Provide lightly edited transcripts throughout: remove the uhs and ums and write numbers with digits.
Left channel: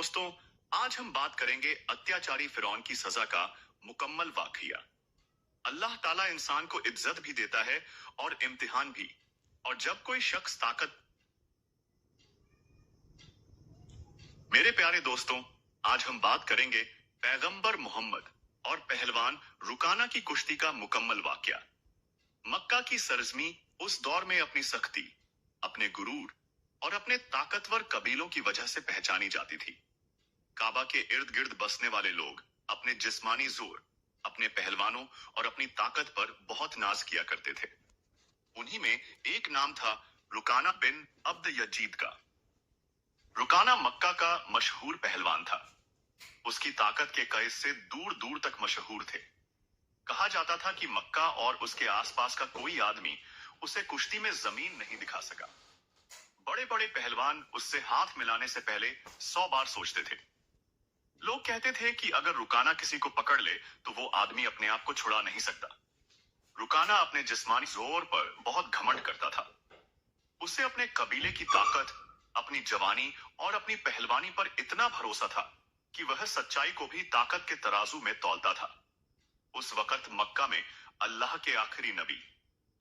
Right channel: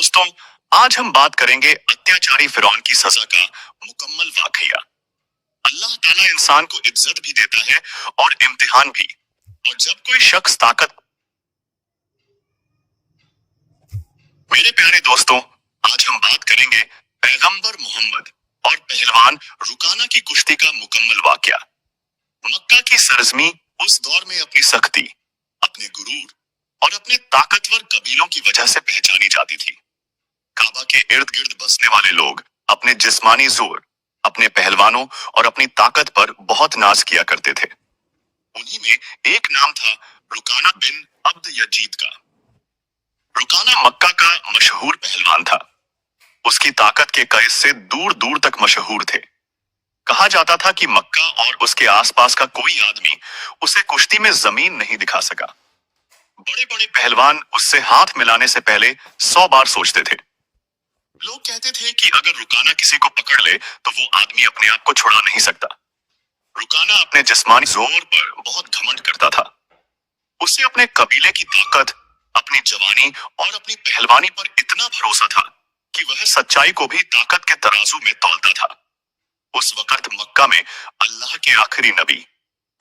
दोस्तों, आज हम बात करेंगे अत्याचारी फिरौन की सजा का मुकम्मल वाकया। अल्लाह ताला इंसान को इज्जत भी देता है और इम्तिहान भी। और जब कोई शख्स ताकत मेरे प्यारे दोस्तों, आज हम बात करेंगे पैगंबर मोहम्मद और पहलवान रुकाना की कुश्ती का मुकम्मल वाकया। मक्का की सरजमी उस दौर में अपनी सख्ती, अपने गुरूर और अपने ताकतवर कबीलों की वजह से पहचानी जाती थी। काबा के इर्द गिर्द बसने वाले लोग अपने जिस्मानी जोर, अपने पहलवानों और अपनी ताकत पर बहुत नाज किया करते थे। उन्हीं में एक नाम था रुकाना बिन अब्द यजीद का। रुकाना मक्का का मशहूर पहलवान था। उसकी ताकत के कयस से दूर दूर तक मशहूर थे। कहा जाता था कि मक्का और उसके आसपास का कोई आदमी उसे कुश्ती में जमीन नहीं दिखा सका। बड़े बड़े पहलवान उससे हाथ मिलाने से पहले 100 बार सोचते थे। लोग कहते थे कि अगर रुकाना किसी को पकड़ ले तो वो आदमी अपने आप को छुड़ा नहीं सकता। रुकाना अपने जिस्मानी जोर पर बहुत घमंड करता था। उसे अपने कबीले की ताकत, अपनी जवानी और अपनी पहलवानी पर इतना भरोसा था कि वह सच्चाई को भी ताकत के तराजू में तौलता था। उस वक्त मक्का में अल्लाह के आखिरी नबी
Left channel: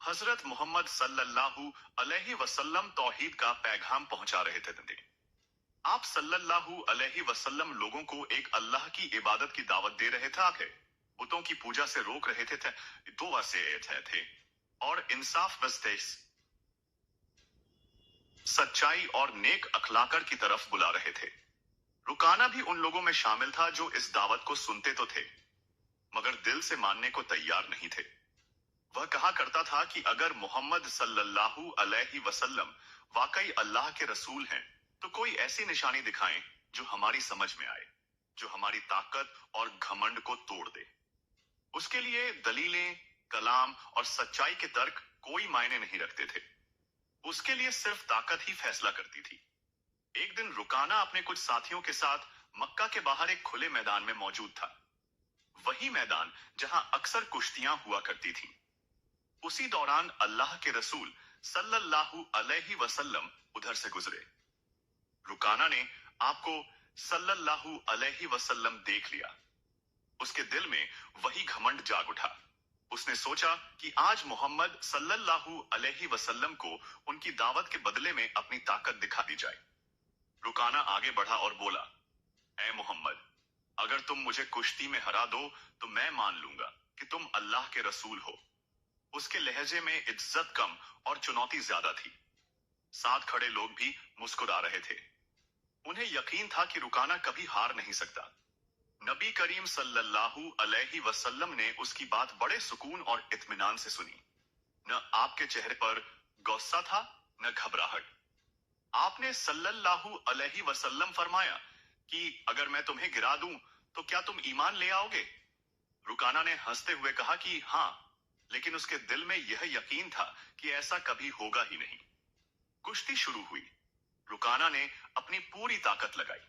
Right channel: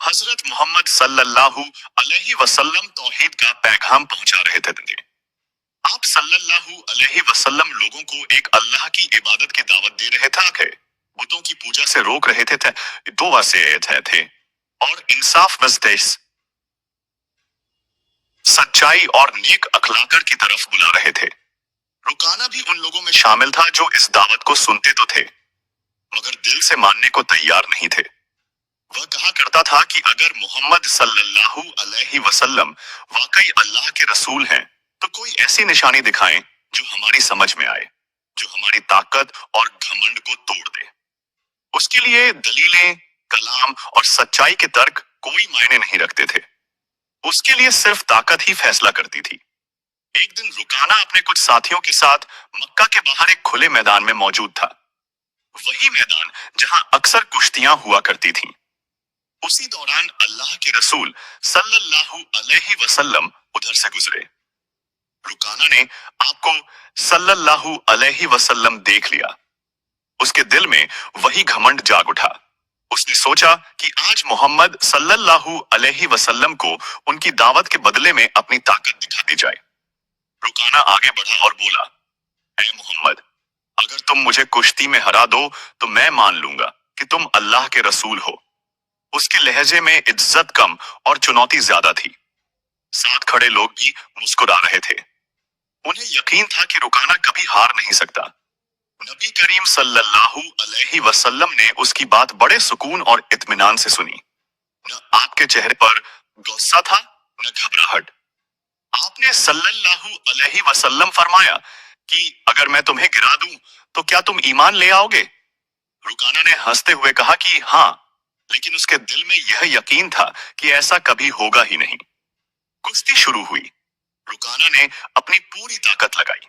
हजरत मोहम्मद सल्लल्लाहु अलैहि वसल्लम तौहीद का पैगाम पहुंचा रहे थे। आप सल्लल्लाहु अलैहि वसल्लम लोगों को एक अल्लाह की इबादत की दावत दे रहे थे, बुतों की पूजा से रोक रहे थे, दुआ से थे और इंसाफ नज़दीक सच्चाई और नेक अखलाकर की तरफ बुला रहे थे। रुकाना भी उन लोगों में शामिल था जो इस दावत को सुनते तो थे, मगर दिल से मानने को तैयार नहीं थे। वह कहा करता था कि अगर मोहम्मद सल्लल्लाहु अलैहि वसल्लम वाकई अल्लाह के रसूल हैं, तो कोई ऐसी निशानी दिखाएं जो हमारी समझ में आए, जो हमारी ताकत और घमंड को तोड़ दे। उसके लिए दलीलें, कलाम और सच्चाई के तर्क कोई मायने नहीं रखते थे। उसके लिए सिर्फ ताकत ही फैसला करती थी। एक दिन रुकाना अपने कुछ साथियों के साथ मक्का के बाहर एक खुले मैदान में मौजूद था। वही मैदान जहां अक्सर कुश्तियां हुआ करती थीं। उसी दौरान अल्लाह के रसूल सल्लल्लाहु अलैहि वसल्लम उधर से गुजरे। रुकाना ने आपको सल्लल्लाहु अलैहि वसल्लम देख लिया। उसके दिल में वही घमंड जाग उठा। उसने सोचा कि आज मोहम्मद सल्लल्लाहु अलैहि वसल्लम को उनकी दावत के बदले में अपनी ताकत दिखा दी जाए। रुकाना आगे बढ़ा और बोला, ऐ मोहम्मद, अगर तुम मुझे कुश्ती में हरा दो तो मैं मान लूंगा कि तुम अल्लाह के रसूल हो। उसके लहजे में इज्जत कम और चुनौती ज्यादा थी। साथ खड़े लोग भी मुस्कुरा रहे थे। उन्हें यकीन था कि रुकाना कभी हार नहीं सकता। नबी करीम सल्लल्लाहु अलैहि वसल्लम ने उसकी बात बड़े सुकून और इत्मीनान से सुनी। न आपके चेहरे पर गुस्सा था, न घबराहट। आपने सल्लल्लाहु अलैहि वसल्लम फरमाया कि अगर मैं तुम्हें गिरा दूं तो क्या तुम ईमान ले आओगे? रुकाना ने हंसते हुए कहा कि हाँ, लेकिन उसके दिल में यह यकीन था कि ऐसा कभी होगा ही नहीं। कुश्ती शुरू हुई। रुकाना ने अपनी पूरी ताकत लगाई।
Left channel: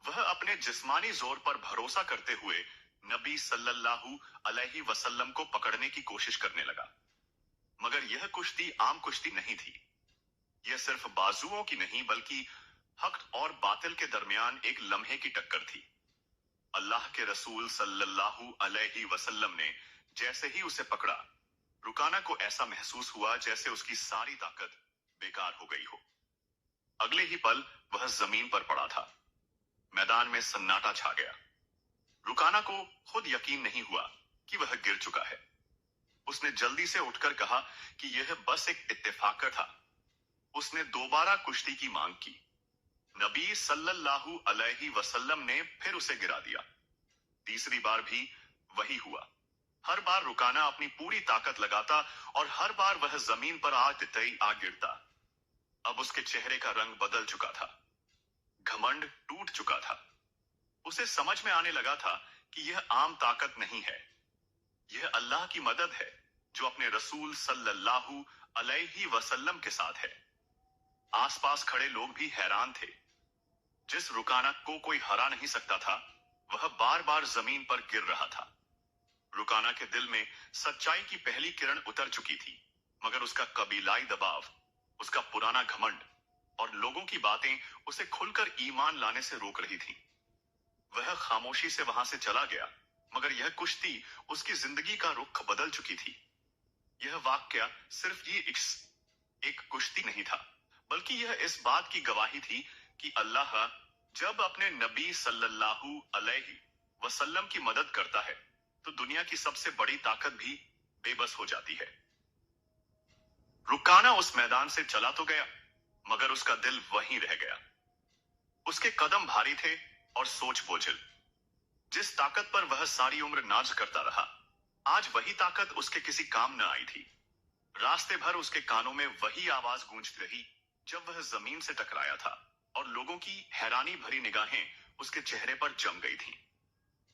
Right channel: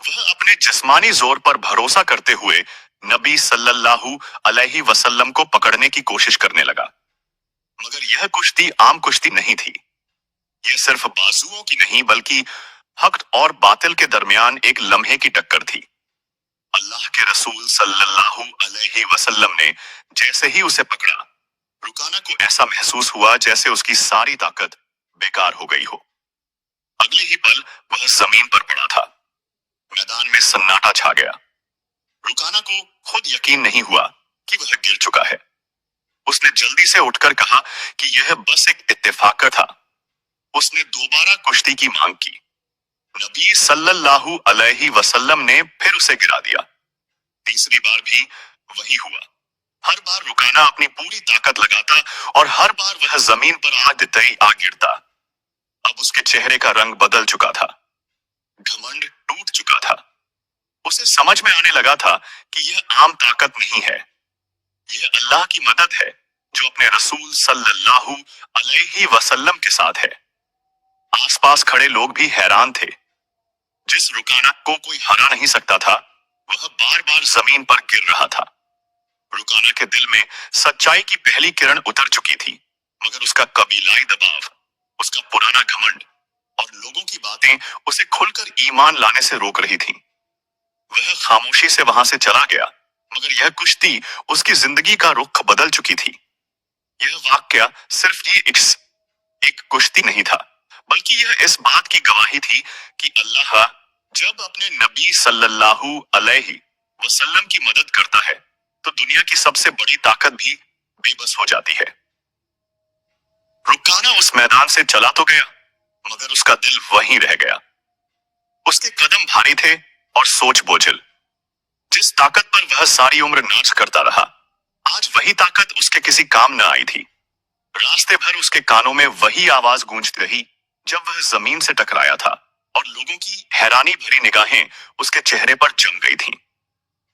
वह अपने जिस्मानी जोर पर भरोसा करते हुए नबी सल्लल्लाहु अलैहि वसल्लम को पकड़ने की कोशिश करने लगा। मगर यह कुश्ती आम कुश्ती नहीं थी। यह सिर्फ बाजुओं की नहीं बल्कि हक और बातिल के दरमियान एक लम्हे की टक्कर थी। अल्लाह के रसूल सल्लल्लाहु अलैहि वसल्लम ने जैसे ही उसे पकड़ा, रुकाना को ऐसा महसूस हुआ जैसे उसकी सारी ताकत बेकार हो गई हो। अगले ही पल वह जमीन पर पड़ा था। मैदान में सन्नाटा छा गया। रुकाना को खुद यकीन नहीं हुआ कि वह गिर चुका है। उसने जल्दी से उठकर कहा कि यह बस एक इत्तेफाक था। उसने दोबारा कुश्ती की मांग की। नबी सल्लल्लाहु अलैहि वसल्लम ने फिर उसे गिरा दिया। तीसरी बार भी वही हुआ। हर बार रुकाना अपनी पूरी ताकत लगाता और हर बार वह जमीन पर आ गिरता। अब उसके चेहरे का रंग बदल चुका था। घमंड टूट चुका था। उसे समझ में आने लगा था कि यह आम ताकत नहीं है, यह अल्लाह की मदद है जो अपने रसूल सल्लल्लाहु अलैहि वसल्लम के साथ है। आसपास खड़े लोग भी हैरान थे। जिस रुकाना को कोई हरा नहीं सकता था, वह बार बार जमीन पर गिर रहा था। रुकाना के दिल में सच्चाई की पहली किरण उतर चुकी थी, मगर उसका कबीलाई दबाव, उसका पुराना घमंड और लोगों की बातें उसे खुलकर ईमान लाने से रोक रही थीं। वह खामोशी से वहां से चला गया, मगर यह कुश्ती उसकी जिंदगी का रुख बदल चुकी थी। यह वाकया सिर्फ एक कुश्ती नहीं था, बल्कि यह इस बात की गवाही थी कि अल्लाह जब अपने नबी सल्लल्लाहु अलैहि वसल्लम की मदद करता है, तो दुनिया की सबसे बड़ी ताकत भी बेबस हो जाती है। रुकाना उस मैदान से चला तो गया, मगर उसका दिल वहीं रह गया। उसके कदम भारी थे और सोच बोझिल। जिस ताकत पर वह सारी उम्र नाच करता रहा, आज वही ताकत उसके किसी काम न आई थी। रास्ते भर उसके कानों में वही आवाज गूंजती रही जब वह जमीन से टकराया था, और लोगों की हैरानी भरी निगाहें उसके चेहरे पर जम गई थीं।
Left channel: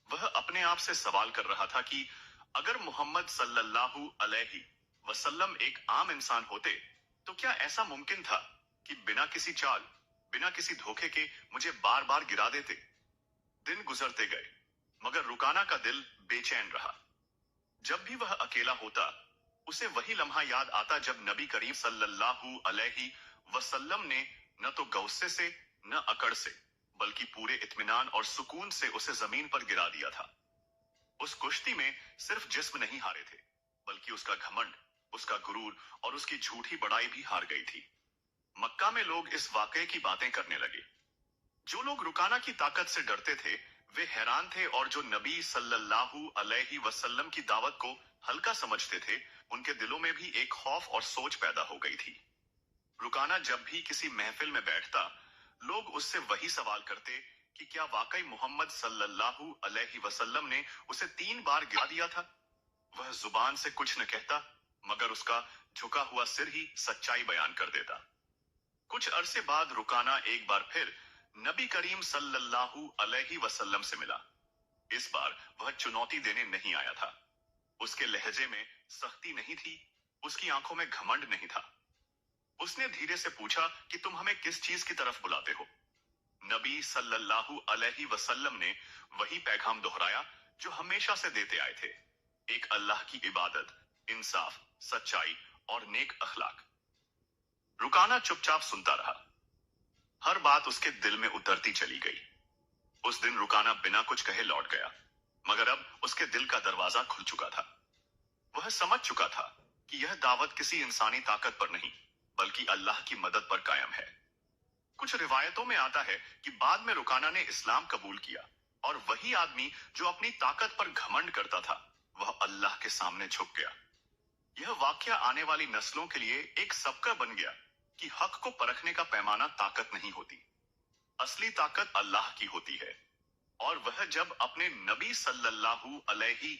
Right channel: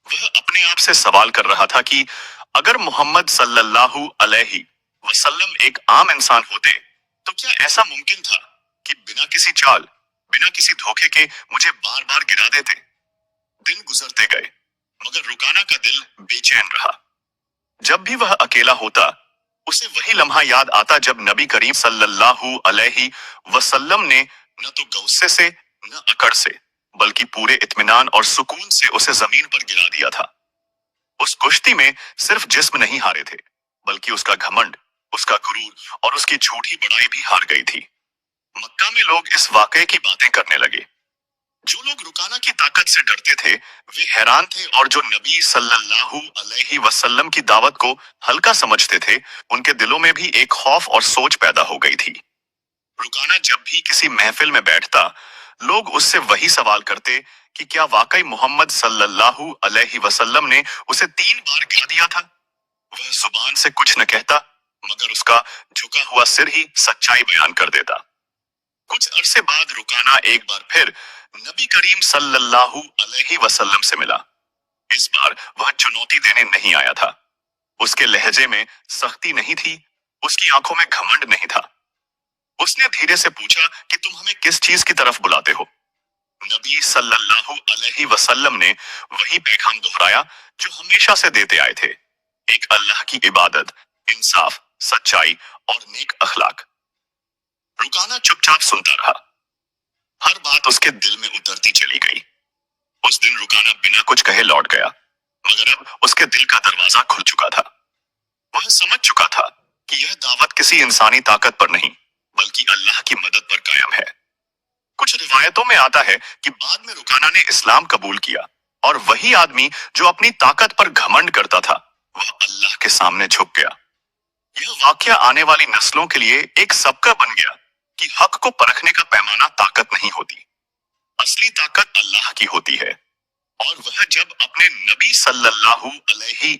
वह अपने आप से सवाल कर रहा था कि अगर मोहम्मद सल्लल्लाहु अलैहि वसल्लम एक आम इंसान होते, तो क्या ऐसा मुमकिन था कि बिना किसी चाल, बिना किसी धोखे के मुझे बार बार गिरा देते। दिन गुजरते गए, मगर रुकाना का दिल बेचैन रहा। जब भी वह अकेला होता, उसे वही लम्हा याद आता जब नबी करीम सल्लल्लाहु अलैहि वसल्लम ने न तो गौस्से से, न अकड़ से, बल्कि पूरे इत्मीनान और सुकून से उसे जमीन पर गिरा दिया था। उस कुश्ती में सिर्फ जिस्म नहीं हारे थे, बल्कि उसका घमंड, उसका गुरूर और उसकी झूठी बड़ाई भी हार गई थी। मक्का में लोग इस वाकये की बातें करने लगे। जो लोग रुकाना की ताकत से डरते थे, वे हैरान थे, और जो नबी सल्लल्लाहु अलैहि वसल्लम की दावत को हल्का समझते थे, उनके दिलों में भी एक खौफ और सोच पैदा हो गई थी। रुकाना जब भी किसी महफिल में बैठता, लोग उससे वही सवाल करते कि क्या वाकई मोहम्मद सल्लल्लाहु अलैहि वसल्लम ने उसे 3 बार गिरा दिया था। वह जुबान से कुछ न कहता, मगर उसका झुका हुआ सिर ही सच्चाई बयान कर देता। कुछ अरसे बाद रुकाना एक बार फिर नबी करीम सल्लल्लाहु अलैहि वसल्लम से मिला। इस बार वह चुनौती देने नहीं आया था। उसके लहजे में सख्ती नहीं थी, उसकी आंखों में घमंड नहीं था। उसने धीरे से पूछा कि तुम हमें किस चीज की तरफ बुलाते हो। नबी सल्लल्लाहु अलैहि वसल्लम ने वही पैगाम दोहराया जो हमेशा से देते आए थे, एक अल्लाह की इबादत, इंसाफ, सच्चाई और नेक अखलाक। रुकाना चुपचाप सुनता रहा। हर बात उसके दिल में उतरती चली गई। उस दिन रुकाना बिना कुछ कहे लौट गया, मगर अब उसके दिल का दरवाजा खुल चुका था। वह समझ चुका था कि यह दावत किसी इंसानी ताकत पर नहीं, बल्कि अल्लाह की मदद पर कायम है। कुछ रिवायतों में आता है कि बाद में रुकाना ने इस्लाम कबूल किया, और वही आदमी जो अपनी ताकत पर घमंड करता था, वह अल्लाह के सामने झुक गया। यह वाकया आने वाली नस्लों के लिए एक सबका बन गया कि हक को परखने का पैमाना ताकत नहीं होती, असली ताकत अल्लाह की होती है। और वह जब अपने नबी सल्लल्लाहु अलैहि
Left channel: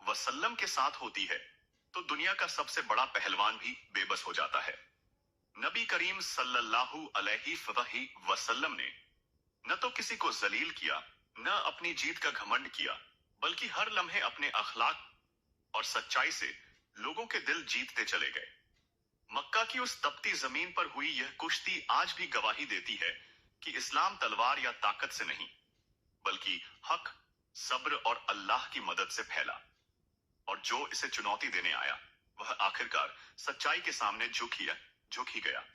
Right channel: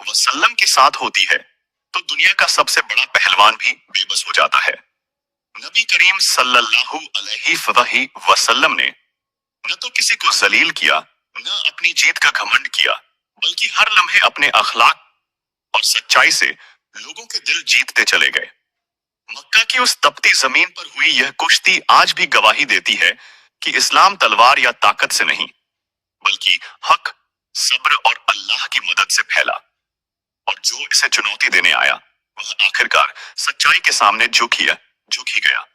वसल्लम के साथ होती है, तो दुनिया का सबसे बड़ा पहलवान भी बेबस हो जाता है। नबी करीम सल्लल्लाहु अलैहि वसल्लम ने न तो किसी को जलील किया, न अपनी जीत का घमंड किया, बल्कि हर लम्हे अपने अखलाक और सच्चाई से लोगों के दिल जीतते चले गए। मक्का की उस तपती जमीन पर हुई यह कुश्ती आज भी गवाही देती है कि इस्लाम तलवार या ताकत से नहीं, बल्कि हक, सब्र और अल्लाह की मदद से फैला। और जो इसे चुनौती देने आया, वह आखिरकार सच्चाई के सामने झुक ही गया।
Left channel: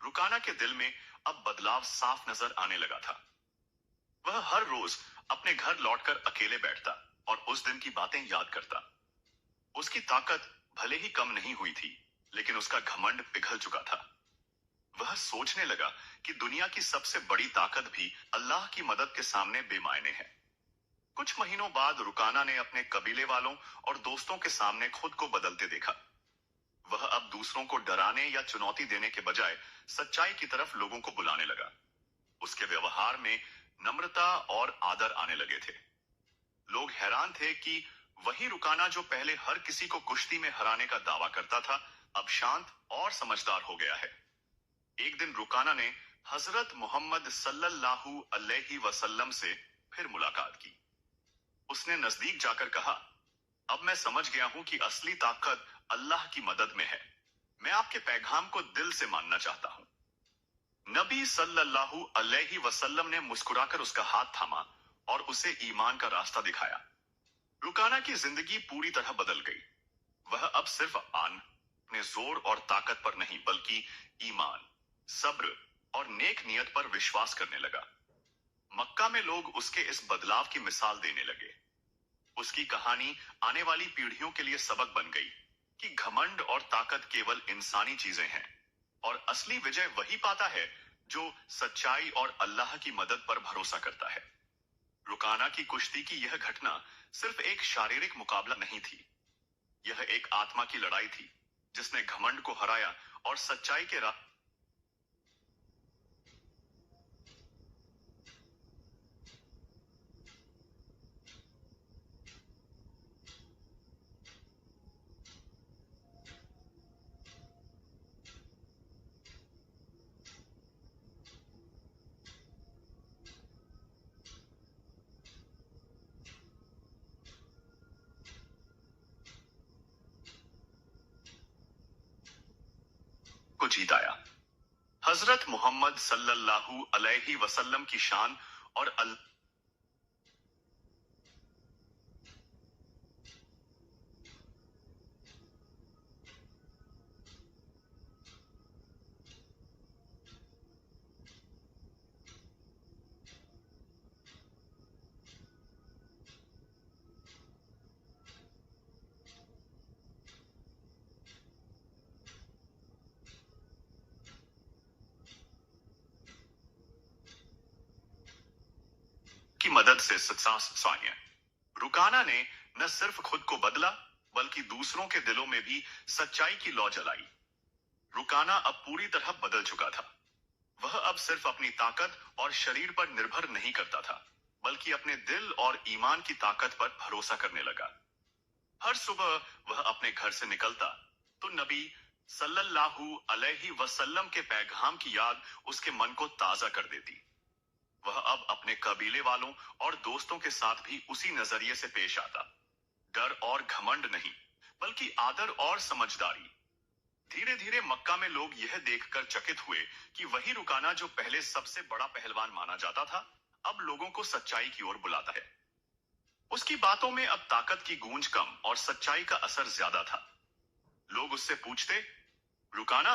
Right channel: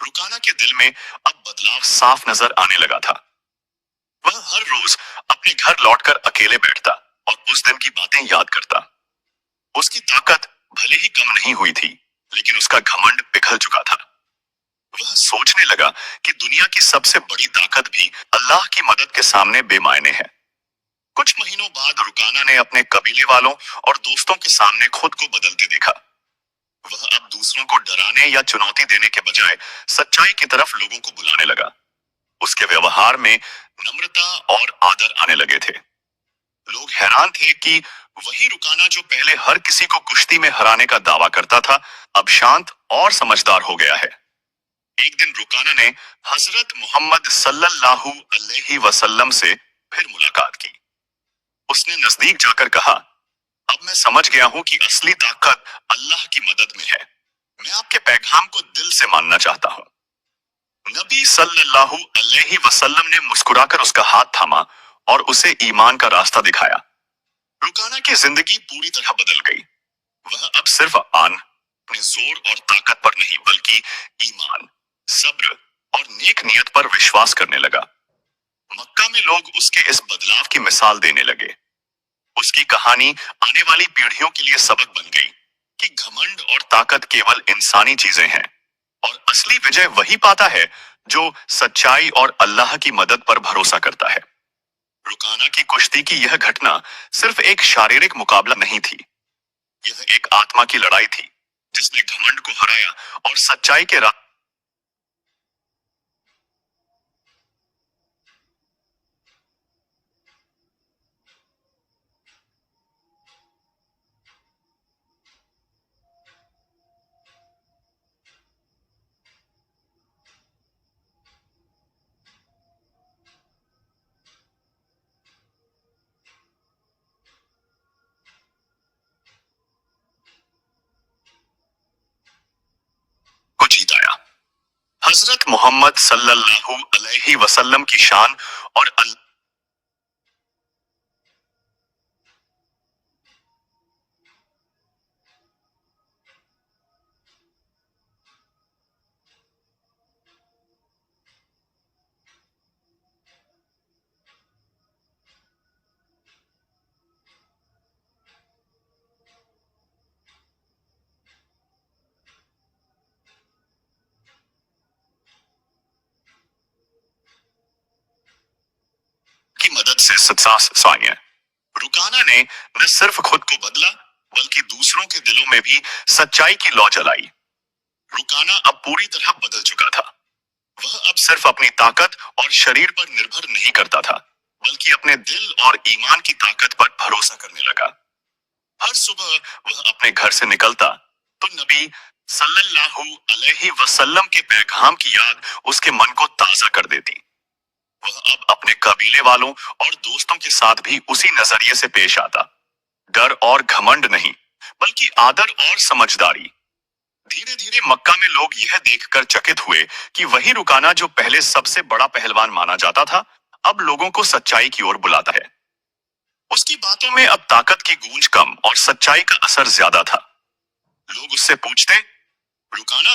रुकाना के दिल में अब बदलाव साफ नजर आने लगा था। वह हर रोज अपने घर लौटकर अकेले बैठता और उस दिन की बातें याद करता। उसकी ताकत भले ही कम नहीं हुई थी, लेकिन उसका घमंड पिघल चुका था। वह सोचने लगा कि दुनिया की सबसे बड़ी ताकत भी अल्लाह की मदद के सामने बेमायने है। कुछ महीनों बाद रुकाना ने अपने कबीले वालों और दोस्तों के सामने खुद को बदलते देखा। वह अब दूसरों को डराने या चुनौती देने के बजाय सच्चाई की तरफ लोगों को बुलाने लगा। उसके व्यवहार में नम्रता और आदर आने लगे थे। लोग हैरान थे कि वही रुकाना जो पहले हर किसी को कुश्ती में हराने का दावा करता था, अब शांत और समझदार हो गया है। एक दिन रुकाना ने हजरत मोहम्मद सल्लल्लाहु अलैहि वसल्लम से फिर मुलाकात की। उसने नजदीक जाकर कहा, अब मैं समझ गया हूं कि असली ताकत अल्लाह की मदद में है। मैं आपके पैगाम को दिल से मानना चाहता हूं। नबी सल्लल्लाहु अलैहि वसल्लम ने मुस्कुराकर उसका हाथ थामा और उसे ईमान का रास्ता दिखाया। रुकाना की जिंदगी पूरी तरह बदल गई। वह अब सिर्फ अपने जोर और ताकत पर नहीं, बल्कि ईमान, सब्र और नेक नियत पर विश्वास करने लगा। मक्का में लोग उसके इस बदलाव की मिसाल देने लगे। उसकी कहानी आने वाली पीढ़ियों के लिए सबक बन गई कि घमंड और ताकत केवल इंसानी चीजें हैं और असली विजय वही पाता है जो सच्चाई और अल्लाह की मदद पर भरोसा करता है। रुकाना की कुश्ती की यह घटना सिर्फ एक शारीरिक मुकाबला नहीं थी, यह एक आत्मा की लड़ाई थी जिसने घमंड को हराया और सच्चाई के राह को जीत आया। हजरत मोहम्मद सल्लल्लाहु अलैहि वसल्लम की शान और की मदद से साया रुकाना ने न सिर्फ खुद को बदला बल्कि दूसरों के दिलों में भी सच्चाई की लौ जलाई। रुकाना अब पूरी तरह बदल चुका था। वह अब सिर्फ अपनी ताकत और शरीर पर निर्भर नहीं करता था, बल्कि अपने दिल और ईमान की ताकत पर भरोसा करने लगा। हर सुबह वह अपने घर से निकलता तो नबी सल्लल्लाहु अलैहि वसल्लम के पैगाम की याद उसके मन को ताजा कर देती। वह अब अपने कबीले वालों और दोस्तों के साथ भी उसी नजरिए से पेश आता, डर और घमंड नहीं बल्कि आदर और समझदारी। धीरे धीरे मक्का में लोग यह देखकर चकित हुए कि वही रुकाना जो पहले सबसे बड़ा पहलवान माना जाता था, अब लोगों को सच्चाई की ओर बुलाता है। उसकी बातों में अब ताकत की गूंज कम और सच्चाई का असर ज्यादा था। लोग उससे पूछते, रुकाना,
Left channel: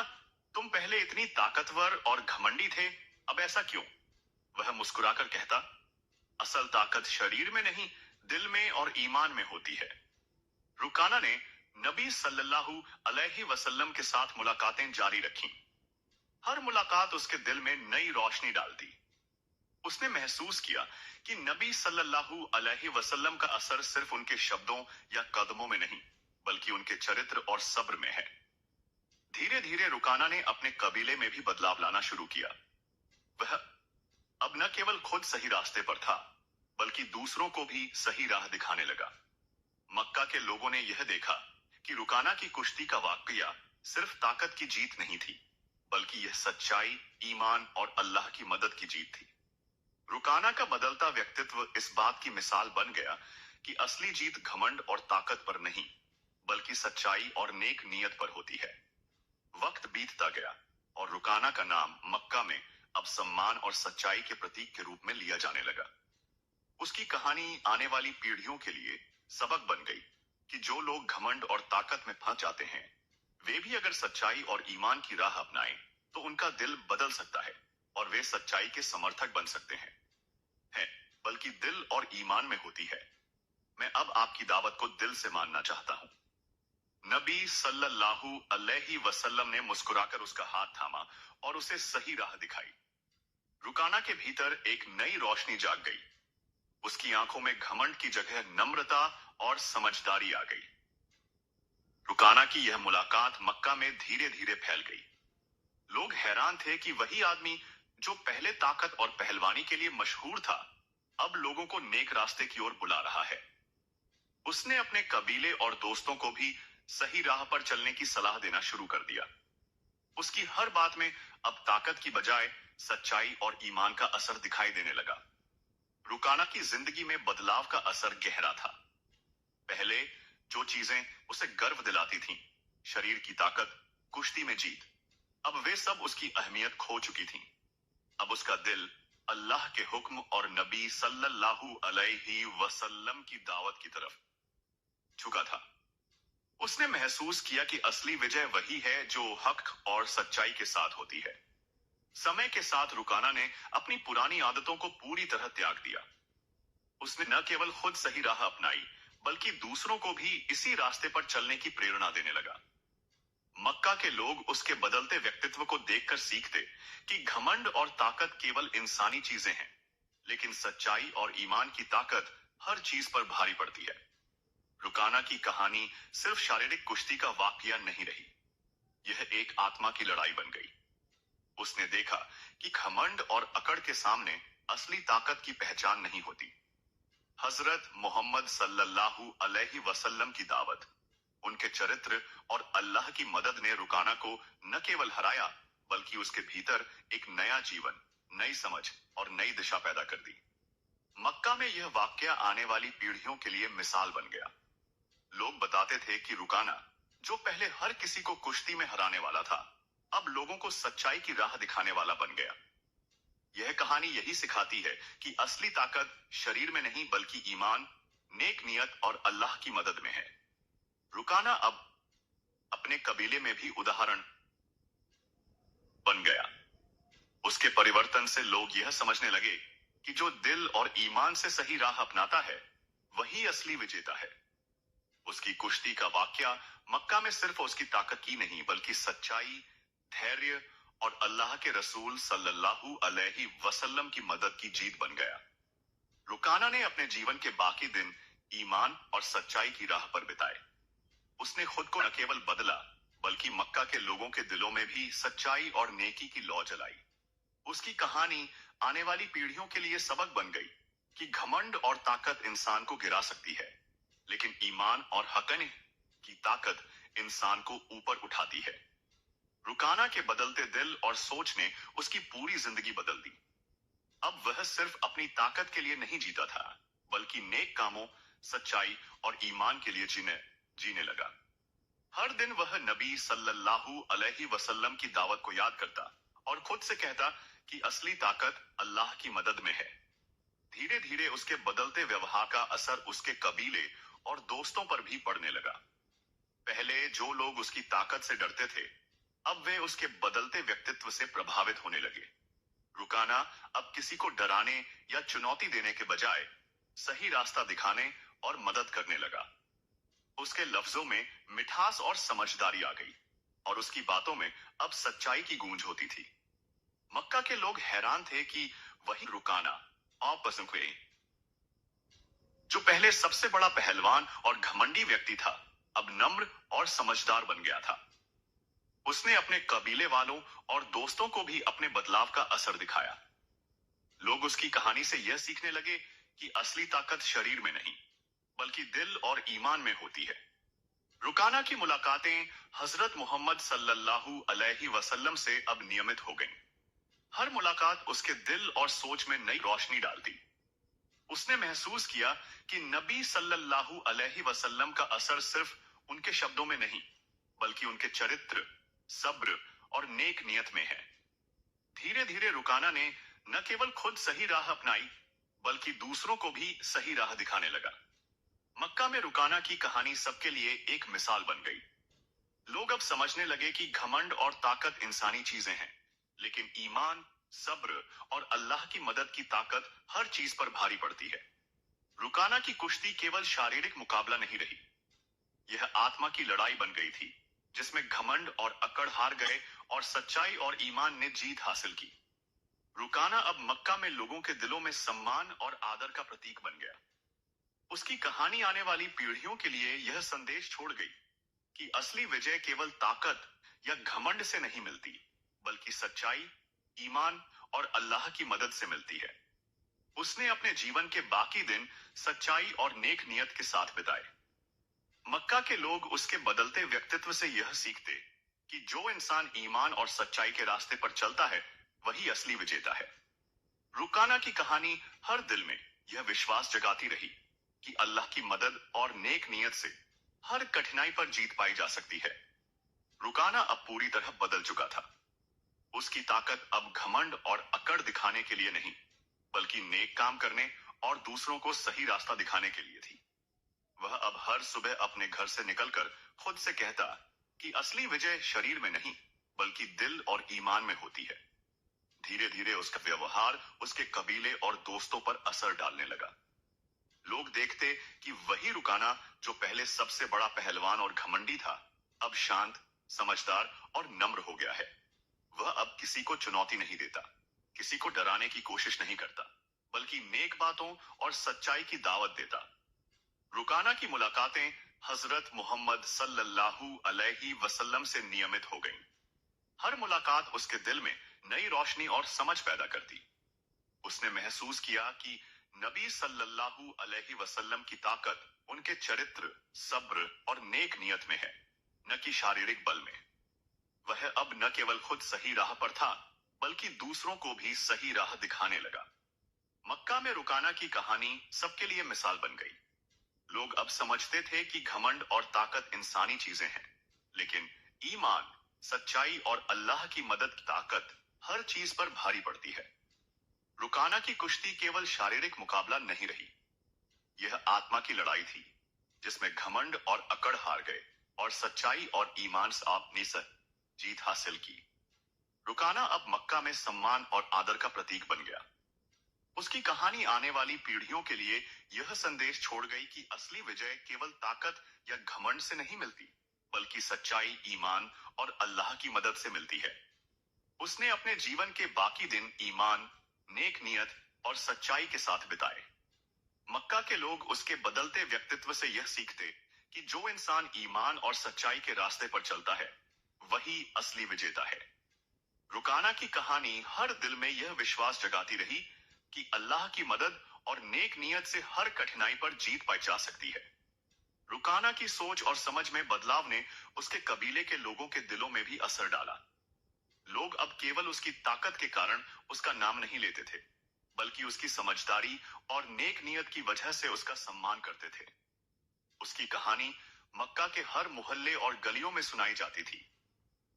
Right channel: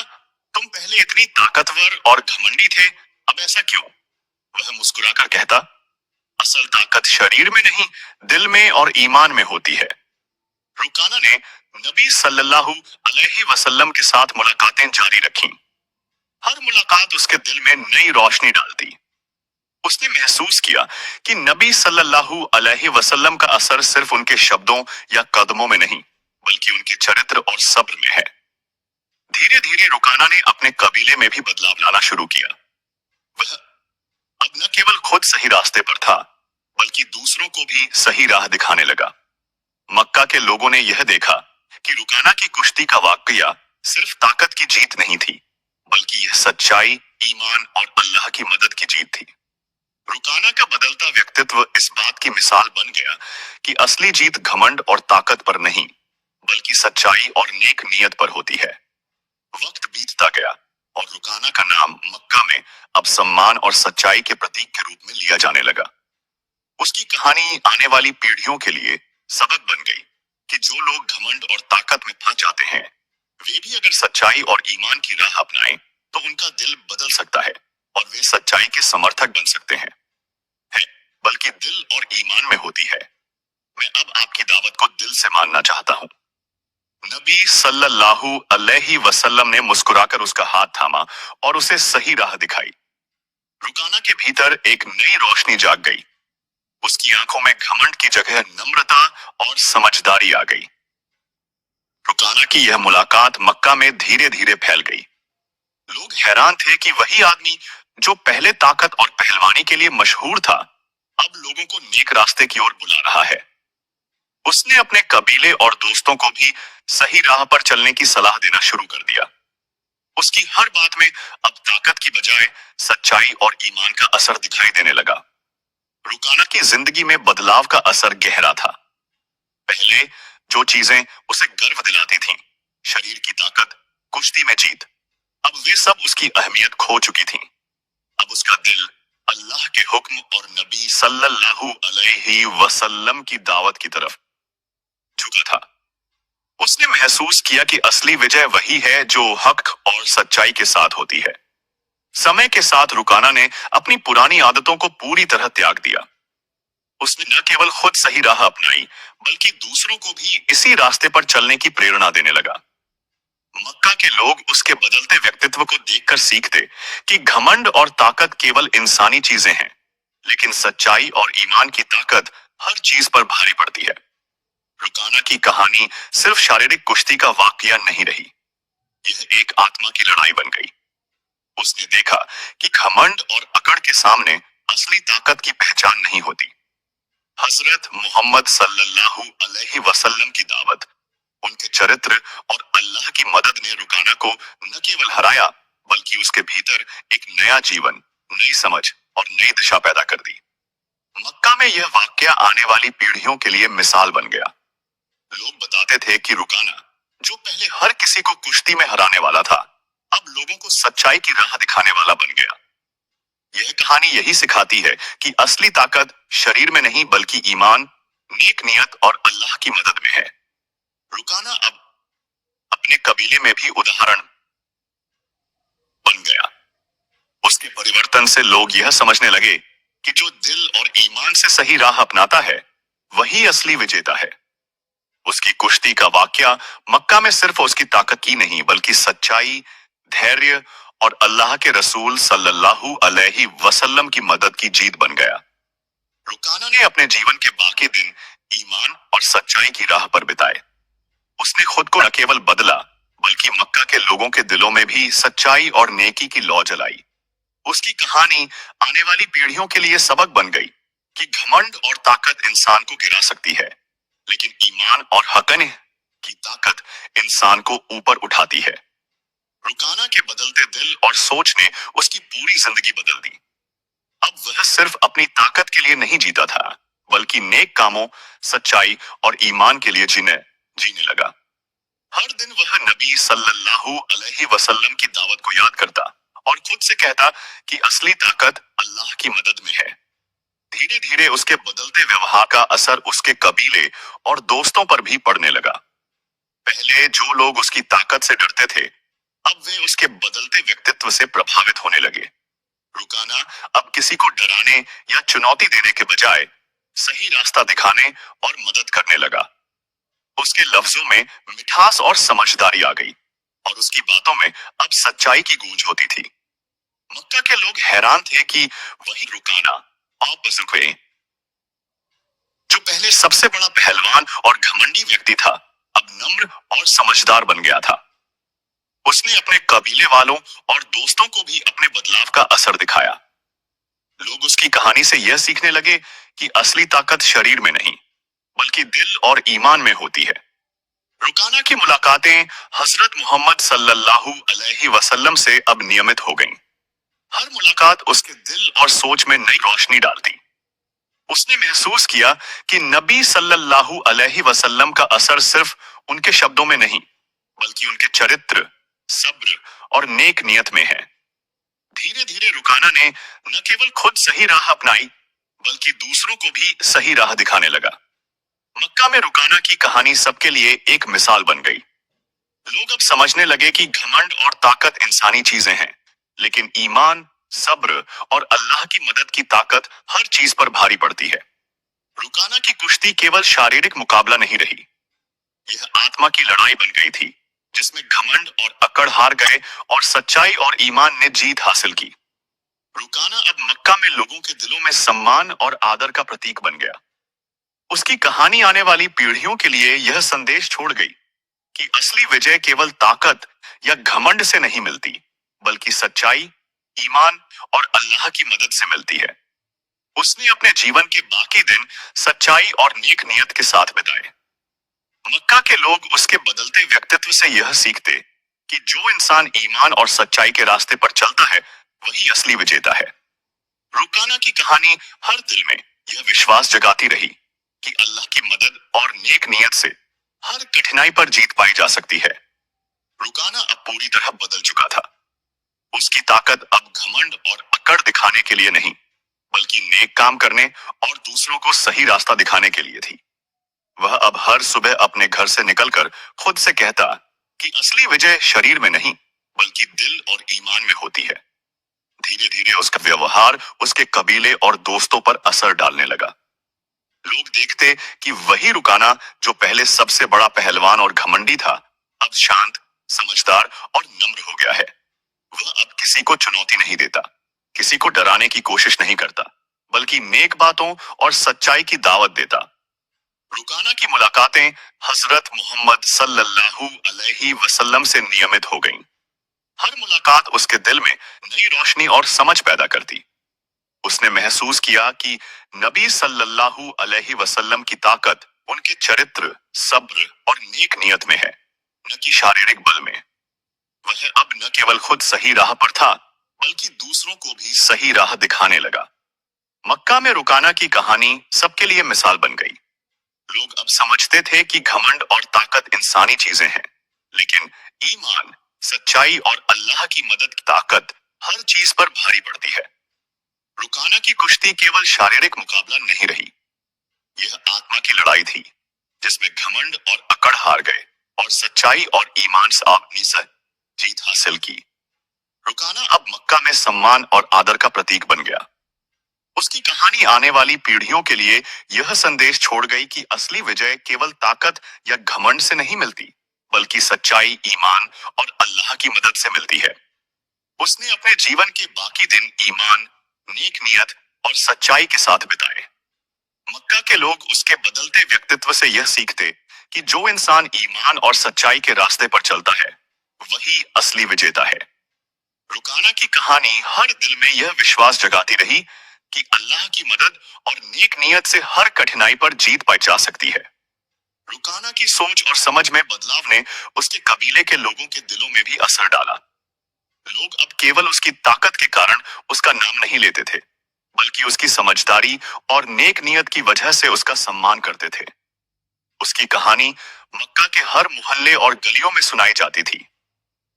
तुम पहले इतनी ताकतवर और घमंडी थे, अब ऐसा क्यों? वह मुस्कुराकर कहता, असल ताकत शरीर में नहीं, दिल में और ईमान में होती है। रुकाना ने नबी सल्लल्लाहु अलैहि वसल्लम के साथ मुलाकातें जारी रखीं। हर मुलाकात उसके दिल में नई रोशनी डालती। उसने महसूस किया कि नबी सल्लल्लाहु अलैहि वसल्लम का असर सिर्फ उनके शब्दों या कदमों में नहीं, बल्कि उनके चरित्र और सब्र में है। धीरे धीरे रुकाना ने अपने कबीले में भी बदलाव लाना शुरू किया। वह अब न केवल खुद सही रास्ते पर था, बल्कि दूसरों को भी सही राह दिखाने लगा। मक्का के लोगों ने यह देखा कि रुकाना की कुश्ती का वाकया सिर्फ ताकत की जीत नहीं थी, बल्कि यह सच्चाई, ईमान और अल्लाह की मदद की जीत थी। रुकाना का बदलता व्यक्तित्व इस बात की मिसाल बन गया कि असली जीत घमंड और ताकत पर नहीं, बल्कि सच्चाई और नेक नियत पर होती है। वक्त बीतता गया और रुकाना का नाम मक्का में अब सम्मान और सच्चाई के प्रतीक के रूप में लिया जाने लगा। उसकी कहानी आने वाली पीढ़ियों के लिए सबक बन गई कि जो लोग घमंड और ताकत में फंस जाते हैं, वे भी अगर सच्चाई और ईमान की राह अपनाएं, तो उनका दिल बदल सकता है और वे सच्चाई के समर्थक बन सकते हैं। है, बल्कि दिल और ईमान में होती है। मैं अब आपकी दावत को दिल से मानना चाहता हूँ। नबी सल्लल्लाहु अलैहि वसल्लम ने मुस्कुराकर उसका हाथ थामा और उसे सही राह दिखाई। रुकाना के भीतर एक नई रोशनी जाग गई। उसकी आंखों में घमंड की जगह नम्रता और समझदारी आ गई। रुकाना की यह मुलाकात मक्का में धीरे धीरे फैल गई। लोग हैरान थे कि वही आदमी जो पहले ताकत और पहलवानी के लिए मशहूर था, अब लोगों को नेक रास्ते की ओर बुला रहा है। उसने अपने कबीले और दोस्तों को भी सही राह पर चलने की सलाह देना शुरू कर दिया। उसकी हर बात में अब ताकत की बजाय सच्चाई और ईमान का असर दिखाई देने लगा। रुकाना की जिंदगी में बदलाव का असर गहरा था। पहले जो चीजें उसे गर्व दिलाती थीं, शरीर की ताकत, कुश्ती में जीत, अब वे सब उसकी अहमियत खो चुकी थीं। अब उसका दिल अल्लाह के हुक्म और नबी सल्लल्लाहु अलैहि वसल्लम की दावत की तरफ झुका था। उसने महसूस किया कि असली विजय वही है जो हक और सच्चाई के साथ होती है। समय के साथ रुकाना ने अपनी पुरानी आदतों को पूरी तरह त्याग दिया। उसने न केवल खुद सही राह अपनाई, बल्कि दूसरों को भी इसी रास्ते पर चलने की प्रेरणा देने लगा। मक्का के लोग उसके बदलते व्यक्तित्व को देखकर सीखते कि घमंड और ताकत केवल इंसानी चीजें हैं, लेकिन सच्चाई और ईमान की ताकत हर चीज पर भारी पड़ती है। रुकाना की कहानी सिर्फ शारीरिक कुश्ती का वाकया नहीं रही, यह एक आत्मा की लड़ाई बन गई। उसने देखा कि घमंड और अकड़ के सामने असली ताकत की पहचान नहीं होती। हजरत मोहम्मद सल्लल्लाहु अलैहि वसल्लम की दावत, उनके चरित्र और अल्लाह की मदद ने रुकाना को न केवल हराया, बल्कि उसके भीतर एक नया जीवन, नई समझ और नई दिशा पैदा कर दी। मक्का में यह वाकया आने वाली पीढ़ियों के लिए मिसाल बन गया। लोग बताते थे कि रुकाना, जो पहले हर किसी को कुश्ती में हराने वाला था, अब लोगों को सच्चाई की राह दिखाने वाला बन गया। यह कहानी यही सिखाती है कि असली ताकत शरीर में नहीं, बल्कि ईमान, नेक नियत और अल्लाह की मदद में है। रुकाना अब अपने कबीले में भी उदाहरण बन गया। उसके परिवर्तन से लोग यह समझने लगे कि जो दिल और ईमान से सही राह अपनाता है, वही असली विजेता है। उसकी कुश्ती का वाकया मक्का में सिर्फ उसकी ताकत की नहीं, बल्कि सच्चाई, धैर्य और अल्लाह के रसूल सल्लल्लाहु अलैहि वसल्लम की मदद की जीत बन गया। रुकाना ने अपने जीवन के बाकी दिन ईमान और सच्चाई की राह पर बिताए। उसने खुद को न केवल बदला, बल्कि मक्का के लोगों के दिलों में भी सच्चाई और नेकी की लौ जलाई। उसकी कहानी आने वाली पीढ़ियों के लिए सबक बन गई कि घमंड और ताकत इंसान को गिरा सकती है, लेकिन ईमान और हक़ की ताकत इंसान को ऊपर उठाती है। रुकाना के बदलते दिल और सोच ने उसकी पूरी जिंदगी बदल दी। अब वह सिर्फ अपनी ताकत के लिए नहीं जीता था, बल्कि नेक कामों, सच्चाई और ईमान के लिए जीने लगा। हर दिन वह नबी सल्लल्लाहु अलैहि वसल्लम की दावत को याद करता और खुद से कहता कि असली ताकत अल्लाह की मदद में है। धीरे धीरे उसके बदलते व्यवहार का असर उसके कबीले और दोस्तों पर भी पड़ने लगा। पहले जो लोग उसकी ताकत से डरते थे, अब वे उसके बदलते व्यक्तित्व से प्रभावित होने लगे। रुकाना अब किसी को डराने या चुनौती देने के बजाय सही रास्ता दिखाने और मदद करने लगा। उसके लफ्जों में मिठास और समझदारी आ गई, और उसकी बातों में अब सच्चाई की गूंज होती थी। मक्का के लोग हैरान थे कि वही रुकाना, आपस में जो पहले सबसे बड़ा पहलवान और घमंडी व्यक्ति था, अब नम्र और समझदार बन गया था। उसने अपने कबीले वालों और दोस्तों को भी अपने बदलाव का असर दिखाया। लोग उसकी कहानी से यह सीखने लगे कि असली ताकत शरीर में नहीं, बल्कि दिल और ईमान में होती है। रुकाना की मुलाकातें हजरत मोहम्मद सल्लल्लाहु अलैहि वसल्लम से अब नियमित हो गईं। हर मुलाकात उसके दिल और सोच में नई रोशनी डालती। उसने महसूस किया कि नबी सल्लल्लाहु अलैहि वसल्लम का असर सिर्फ उनके शब्दों में नहीं, बल्कि उनके चरित्र, सब्र और नेक नियत में है। धीरे धीरे रुकाना ने न केवल खुद सही राह अपनाई, बल्कि दूसरों को भी सही राह दिखाने लगा। मक्का में रुकाना की कहानी सबके लिए एक मिसाल बन गई। लोग अब समझने लगे कि घमंड और ताकत इंसानी चीजें हैं, लेकिन ईमान, सब्र और अल्लाह की मदद की ताकत हर चीज पर भारी पड़ती है। रुकाना की कुश्ती केवल शारीरिक मुकाबला नहीं रही, यह आत्मा की लड़ाई बन गई थी, जिसमें घमंड और अकड़ हार गए और सच्चाई और ईमान ने जीत हासिल की। रुकाना अब मक्का में लोगों के दिलों में सम्मान और आदर का प्रतीक बन गया। उसकी कहानी आने वाली पीढ़ियों के लिए यह संदेश छोड़ गई कि असली विजय केवल ताकत या घमंड से नहीं मिलती, बल्कि सच्चाई, ईमान और अल्लाह की मदद से मिलती है। उसने अपने जीवन के बाकी दिन सच्चाई और नेक नियत के साथ बिताए। मक्का के लोग उसके बदलते व्यक्तित्व से यह सीखते कि जो इंसान ईमान और सच्चाई के रास्ते पर चलता है, वही असली विजेता है। रुकाना की कहानी हर दिल में यह विश्वास जगाती रही कि अल्लाह की मदद और नेक नियत से हर कठिनाई पर जीत पाई जा सकती है। रुकाना अब पूरी तरह बदल चुका था। उसकी ताकत अब घमंड और अकड़ दिखाने के लिए नहीं, बल्कि नेक काम करने और दूसरों को सही रास्ता दिखाने के लिए थी। वह अब हर सुबह अपने घर से निकलकर खुद से कहता कि असली विजय शरीर में नहीं, बल्कि दिल और ईमान में होती है। धीरे धीरे उसका व्यवहार उसके कबीले और दोस्तों पर असर डालने लगा। लोग देखते कि वही रुकाना जो पहले सबसे बड़ा पहलवान और घमंडी था, अब शांत, समझदार और नम्र हो गया है। वह अब किसी को चुनौती नहीं देता, किसी को डराने की कोशिश नहीं करता, बल्कि नेक बातों और सच्चाई की दावत देता। रुकाना की मुलाकातें हजरत मोहम्मद सल्लल्लाहु अलैहि वसल्लम से नियमित हो गईं। हर मुलाकात उसके दिल में नई रोशनी और समझ पैदा करती। उसने महसूस किया कि नबी सल्लल्लाहु अलैहि वसल्लम की ताकत उनके चरित्र, सब्र और नेक नियत में है, न कि शारीरिक बल में। वह अब न केवल खुद सही राह पर था, बल्कि दूसरों को भी सही राह दिखाने लगा। मक्का में रुकाना की कहानी सबके लिए मिसाल बन गई। लोग अब समझते थे कि घमंड और ताकत इंसानी चीजें हैं, लेकिन ईमान, सच्चाई और अल्लाह की मदद की ताकत हर चीज पर भारी पड़ती है। रुकाना की कुश्ती केवल शारीरिक मुकाबला नहीं रही, यह आत्मा की लड़ाई थी, जिसमें घमंड और अकड़ हार गए और सच्चाई और ईमान से आपने जीत हासिल की। रुकाना अब मक्का में सम्मान और आदर का प्रतीक बन गया। उसकी कहानी आने वाली पीढ़ियों के लिए यह संदेश छोड़ गई कि असली विजय केवल ताकत या घमंड से नहीं मिलती, बल्कि सच्चाई, ईमान और अल्लाह की मदद से मिलती है। उसने अपने जीवन के बाकी दिन ईमान, नेक नियत और सच्चाई के साथ बिताए। मक्का के लोग उसके बदलते व्यक्तित्व से यह सीखते कि जो इंसान ईमान और सच्चाई के रास्ते पर चलता है, वही असली विजेता है। रुकाना की कहानी हर दिल में यह विश्वास जगाती रही कि अल्लाह की मदद और नेक नियत से हर कठिनाई पर जीत पाई जा सकती है। रुकाना की सोच और समझ में बदलाव ने उसके कबीले के लोगों के दिलों में भी असर डाला। लोग अब केवल उसकी ताकत के कारण उसका नाम नहीं लेते थे, बल्कि उसकी समझदारी और नेक नियत की वजह से उसका सम्मान करते थे। उसकी कहानी मक्का के हर मोहल्ले और गलियों में सुनाई जाती थी।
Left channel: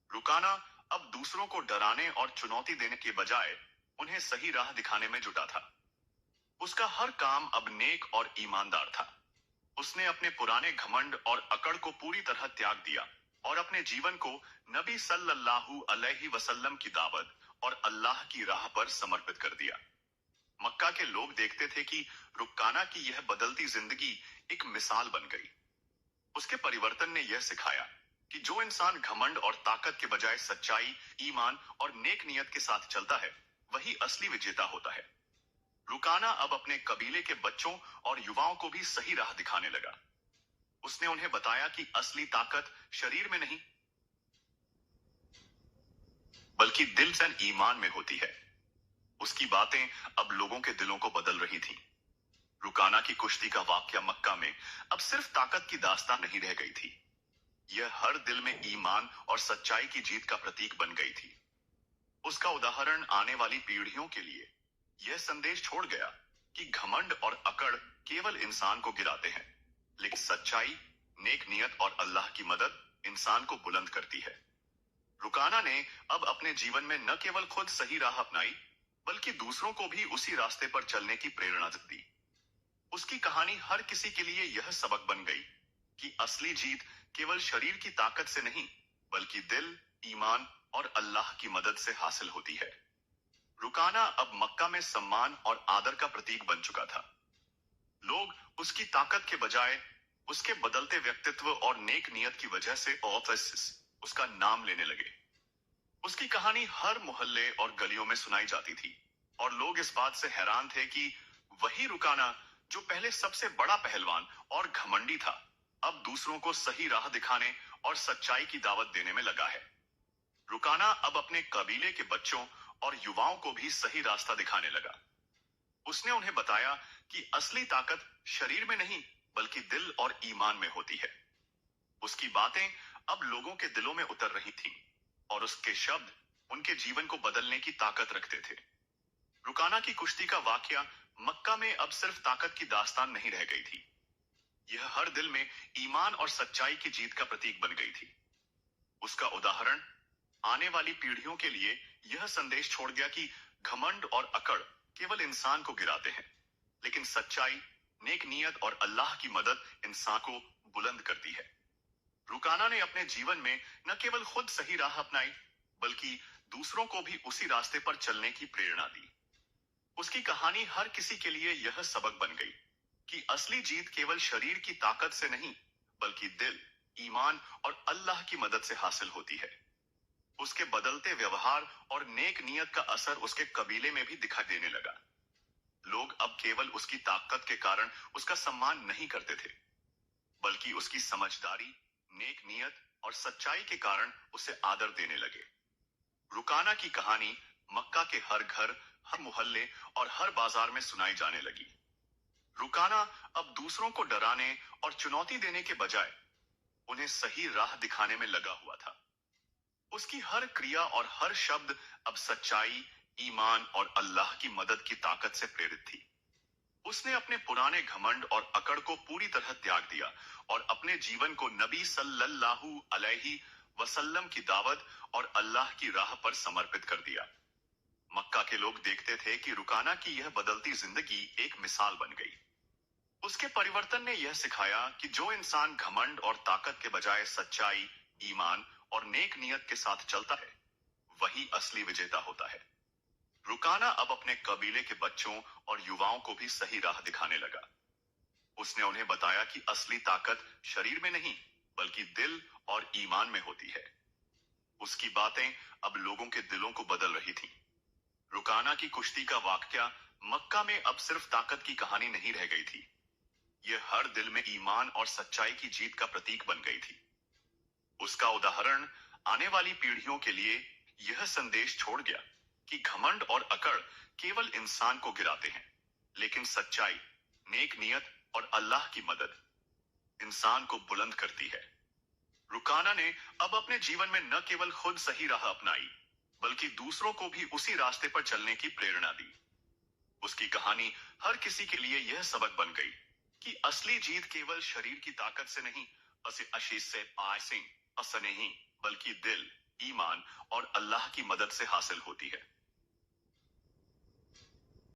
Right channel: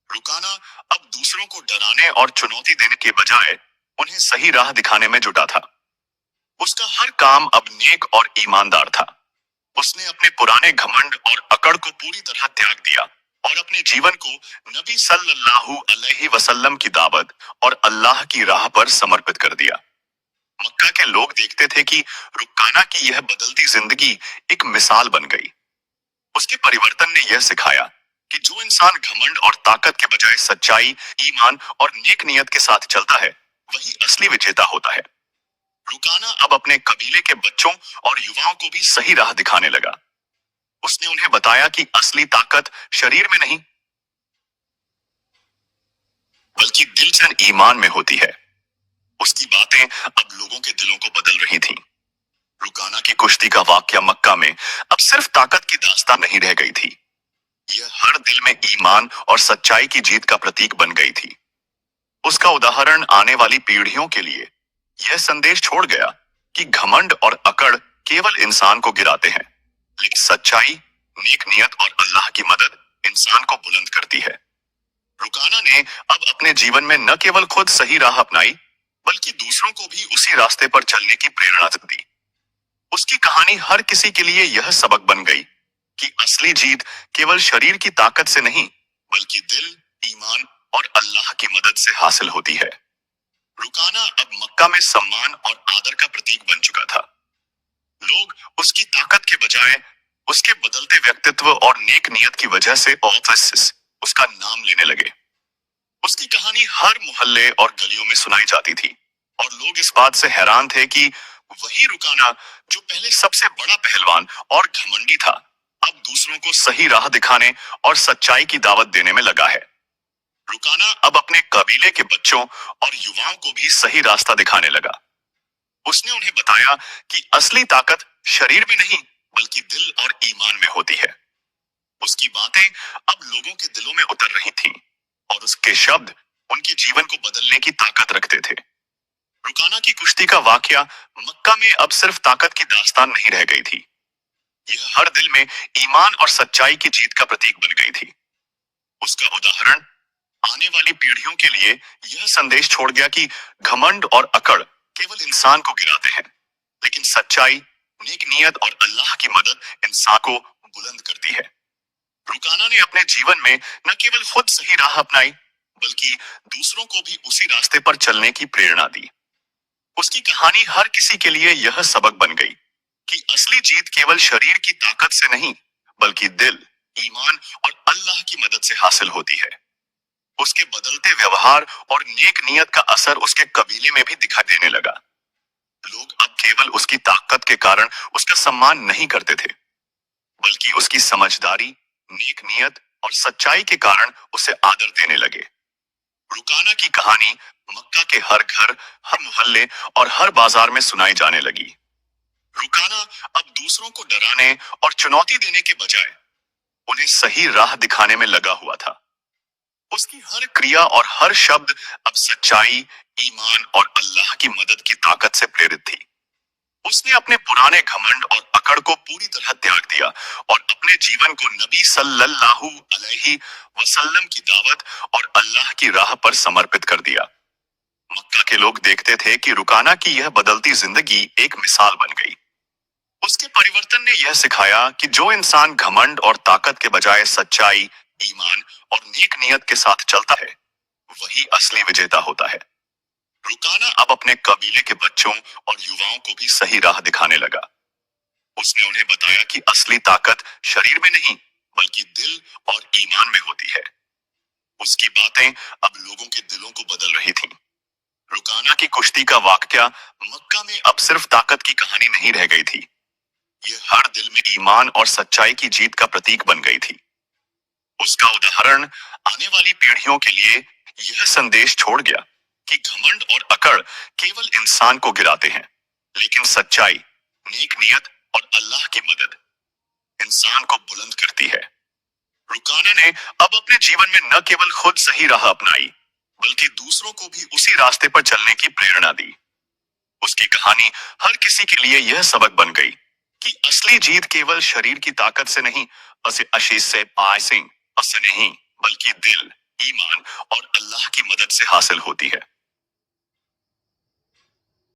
रुकाना अब दूसरों को डराने और चुनौती देने के बजाय उन्हें सही राह दिखाने में जुटा था। उसका हर काम अब नेक और ईमानदार था। उसने अपने पुराने घमंड और अकड़ को पूरी तरह त्याग दिया और अपने जीवन को नबी सल्लल्लाहु अलैहि वसल्लम की दावत और अल्लाह की राह पर समर्पित कर दिया। मक्का के लोग देखते थे कि रुकाना की यह बदलती जिंदगी एक मिसाल बन गई। उसके परिवर्तन ने यह सिखाया कि जो इंसान घमंड और ताकत के बजाय सच्चाई, ईमान और नेक नियत के साथ चलता है, वही असली विजेता होता है। रुकाना अब अपने कबीले के बच्चों और युवाओं को भी सही राह दिखाने लगा। उसने उन्हें बताया कि असली ताकत शरीर में नहीं, बल्कि दिल से ईमान में होती है। उसकी बातें अब लोगों के दिलों को बदल रही थीं। रुकाना की कुश्ती का वाकया मक्का में अब सिर्फ ताकत की दास्तान नहीं रह गई थी, यह हर दिल में ईमान और सच्चाई की जीत का प्रतीक बन गई थी। उसका उदाहरण आने वाली पीढ़ियों के लिए यह संदेश छोड़ गया कि घमंड और अकड़ केवल इंसान को गिराते हैं, लेकिन सच्चाई, नेक नियत और अल्लाह की मदद इंसान को बुलंद करती है। रुकाना ने अब अपने जीवन में न केवल खुद सही राह अपनाई, बल्कि दूसरों को भी उसी रास्ते पर चलने की प्रेरणा दी। उसकी कहानी हर किसी के लिए यह सबक बन गई कि असली जीत केवल शरीर की ताकत से नहीं, बल्कि दिल, ईमान और अल्लाह की मदद से हासिल होती है। रुकाना अब मक्का में सम्मान और आदर का प्रतीक बन चुका था। लोग उसकी ताकत के बजाय उसके बदलते व्यक्तित्व और नेक नियत की वजह से उसका नाम लेने लगे। उसकी कहानी हर मोहल्ले और गलियों में सुनाई जाती थी और लोग इस बात से हैरान थे कि वही रुकाना जो पहले सबसे बड़ा पहलवान और घमंडी था, अब दूसरों को सही राह दिखाने और सच्चाई की दावत देने में लगा है। रुकाना अब अपने कबीले के बच्चों और युवाओं को भी सही रास्ता दिखाने लगा। उसने उन्हें बताया कि असली ताकत शरीर में नहीं, बल्कि दिल और ईमान में होती है। उसकी बातें अब लोगों के दिलों में उतर रही थीं और उसके शब्द उनके जीवन को बदलने की ताकत रखते थे। रुकाना की कुश्ती का वाकया मक्का में अब सिर्फ ताकत की दास्तान नहीं रह गई थी, यह हर दिल में ईमान और सच्चाई की जीत का प्रतीक बन गई थी। उसका उदाहरण आने वाली पीढ़ियों के लिए यह संदेश छोड़ गया कि घमंड और अकड़ केवल इंसान को गिराते हैं, लेकिन सच्चाई, नेक नियत और अल्लाह की मदद इंसान को बुलंद करती है। रुकाना ने अपने जीवन में न केवल खुद सही राह अपनाई, बल्कि दूसरों को भी उसी रास्ते पर चलने की प्रेरणा दी। उसकी कहानी हर किसी के लिए यह सबक बन गई कि असली जीत केवल शरीर की ताकत से नहीं, बल्कि दिल, ईमान और अल्लाह की मदद से हासिल होती है। उसके बदलते व्यवहार और नेक नियत का असर उसके कबीले में भी दिखाई देने लगा। लोग अब केवल उसकी ताकत के कारण उसका सम्मान नहीं करते थे, बल्कि उसकी समझदारी, नेक नियत और सच्चाई के कारण उसे आदर देने लगे। रुकाना की कहानी मक्का के हर घर, हर मोहल्ले और हर बाजार में सुनाई जाने लगी। रुकाना अब दूसरों को डराने और चुनौती देने के बजाय उन्हें सही राह दिखाने में लगा हुआ था। उसकी हर क्रिया और हर शब्द अब सच्चाई, ईमान और अल्लाह की मदद की ताकत से प्रेरित थी। उसने अपने पुराने घमंड और अकड़ को पूरी तरह त्याग दिया और अपने जीवन को नबी सल्लल्लाहु अलैहि वसल्लम की दावत और अल्लाह की राह पर समर्पित कर दिया। मक्का के लोग देखते थे कि रुकाना की यह बदलती जिंदगी एक मिसाल बन गई। उसके परिवर्तन ने यह सिखाया कि जो इंसान घमंड और ताकत के बजाय सच्चाई, ईमान और नेक नियत के साथ चलता है, वही असली विजेता होता है। रुकाना अब अपने कबीले के बच्चों और युवाओं को भी सही राह दिखाने लगा। उसने उन्हें बताया कि असली ताकत शरीर में नहीं, बल्कि दिल और ईमान में होती है। उसकी बातें अब लोगों के दिलों को बदल रही थीं। रुकाना की कुश्ती का वाकया मक्का में अब सिर्फ ताकत की कहानी नहीं रह गई थी। यह हर दिल में ईमान और सच्चाई की जीत का प्रतीक बन गई थी। उसका उदाहरण आने वाली पीढ़ियों के लिए यह संदेश छोड़ गया कि घमंड और अकड़ केवल इंसान को गिराते हैं, लेकिन सच्चाई, नेक नियत और अल्लाह की मदद इंसान को बुलंद करती है। रुकाना ने अब अपने जीवन में न केवल खुद सही राह अपनाई, बल्कि दूसरों को भी उसी रास्ते पर चलने की प्रेरणा दी। उसकी कहानी हर किसी के लिए यह सबक बन गई कि असली जीत केवल शरीर की ताकत से नहीं, आशीष से पासिंग से नहीं, बल्कि दिल, ईमान और अल्लाह की मदद से हासिल होती है।